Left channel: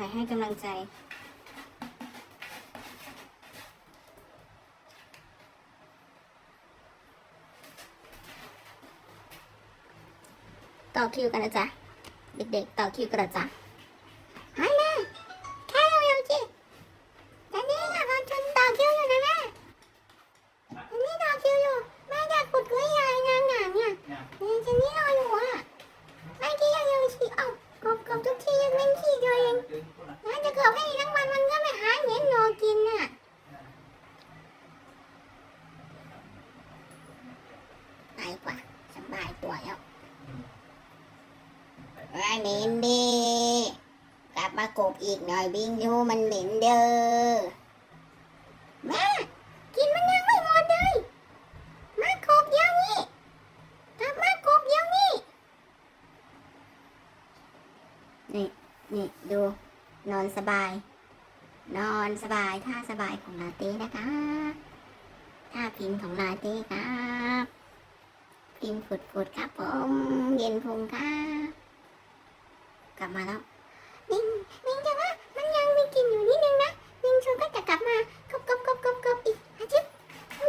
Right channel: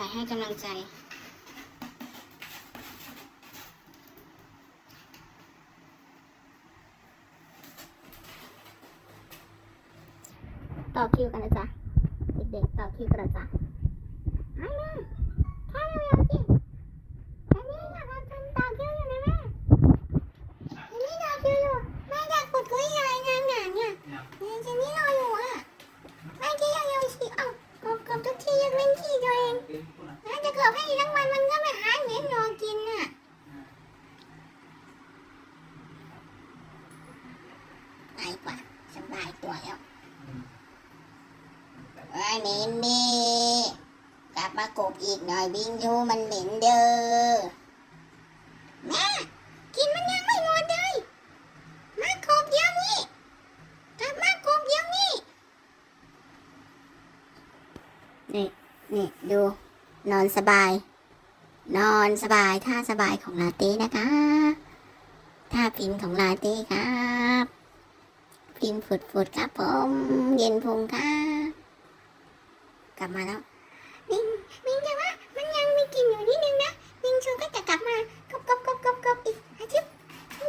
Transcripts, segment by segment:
ายให้กำลังใจ ต่อคิวกันนะจ๊ะ เด็กๆ ต่อคิวกันนะจ๊ะฮัลโหลแค่เร็วๆจีตอนนี้นะเราจนต่อคิวอยู่นะแม่ตอนนี้ต่อคิวอยู่แม่อยากขุดคุยอะไรงานหนาเนี่ยเดี๋ยวจะนี่รออยู่อะแม่จะยังๆสิเอ้ากบกบทุกทียังเล่นขี้ตัวเอง เกิดให้ทั้งวันมันก็ไม่หาเหม็นรอกินน่ะไปกว่าสบายตัวแล้วว่าเหม็นดีกลับมากบอีกหน่อยบิงยูมันเหม็นเด้อแม่กินมันยังไม่หมดเลยมากบเดี๋ยวนี้กลับมากบเดี๋ยวนี้นี่นี่ดู นอนสบาย นอนสบายท่าสบายของลาเต้นะคะท่าพิมพ์ของลาเต้ครับพิมพ์ฝุดๆครับผม เย็นพุงครับกลับมาแล้วมิงมิงจะว่ามันยังมีกลินอยู่นิดนึงนะมิงชูก็จะกลับมากบกบกบกบกบอีกอาทิตย์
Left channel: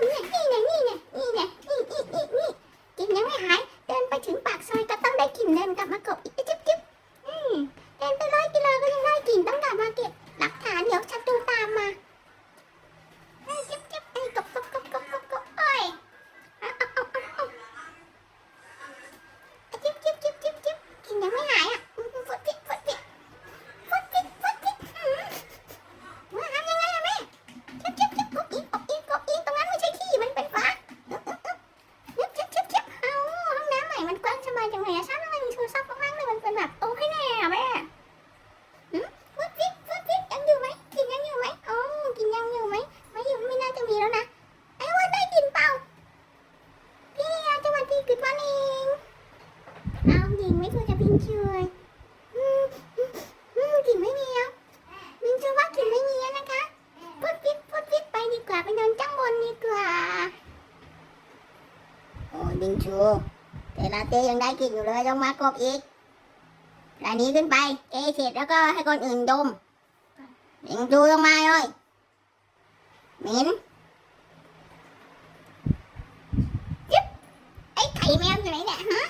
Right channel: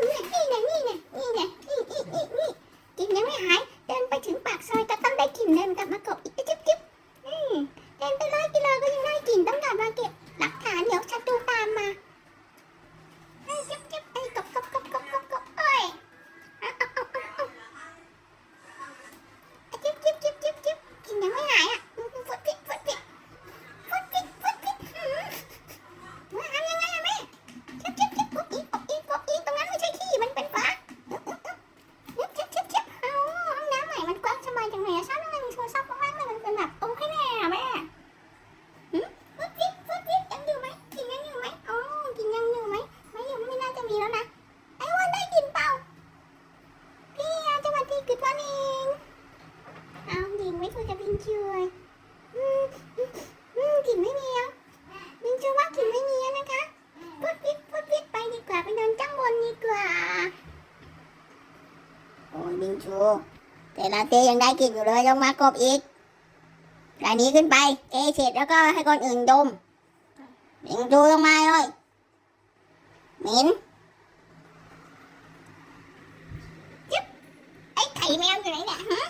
นี่ไงนี่ไงนี่ไงนี่นี่นี่นี่กลินยังไม่หาย เดินไปถึงปากซอยก็ต้องได้กลิ่นเดินกลับมากบอีกจิ๊บจิ๊บอืมเดินไปร้อยกิโลก็ยังได้กลิ่นต้องกลับมาเก็บหลักฐานเดี๋ยวชัดดูตามมาเอ้ยจิ๊บจิ๊บไอ้ยกบกบกบกบกบกบเอ้ยเอาเอาเอาเอาเอาอะจิ๊บจิ๊บจิ๊บจิ๊บจิ๊บกลิ่นยังไม่หายอะอืมฟดพิษฟดพิษ ฟุดพิษฟุดพิษหืมมาทำยังไงอะแม่ชับชับชับกบอีกกบอีกกบอีกตรงนั้นไม่ใช่ขี้มันเป็นฟ้าเอ๊บเอ๊บเอ๊บชับชับชับเอาห้องน้ำใหม่มันกว้างสบายจังเลยอะฉันทำไมมีโทรศัพท์ว่างๆเลยมันเป็นแบบโอ้ยแน่อะแม่หืมฟุดพิษฟุดพิษยังอยู่ไหมกินยังอยู่ไหมอ๋อกินยังอยู่ไหมไม่อยู่ไม่น่าจะมีแล้วนะไอ้อ้วันได้กินเปล่าพี่อาสวัสดีกุดวันเองเอาหญิงไม่ เคยจะพิงเชยอืมอืมกลิ่นไม่มีแล้วมินชื่อว่ากลิ่นไม่มีแล้วนะคะพุดพิษพุดพิษไปดีกว่าไปนอนจ้างบนดีกว่าโอ้ยบิงชู แต่ลาเต้ยังได้กลิ่นอยู่เลยต้องมากบอีกอันนี้ขึ้นไปเทเสร็จแล้วก็ให้คนอื่นดมบิงชูลงมาเลยหม็นจิ๊บไอ้ไข่แมวอยู่ไหนเนี่ยฮะ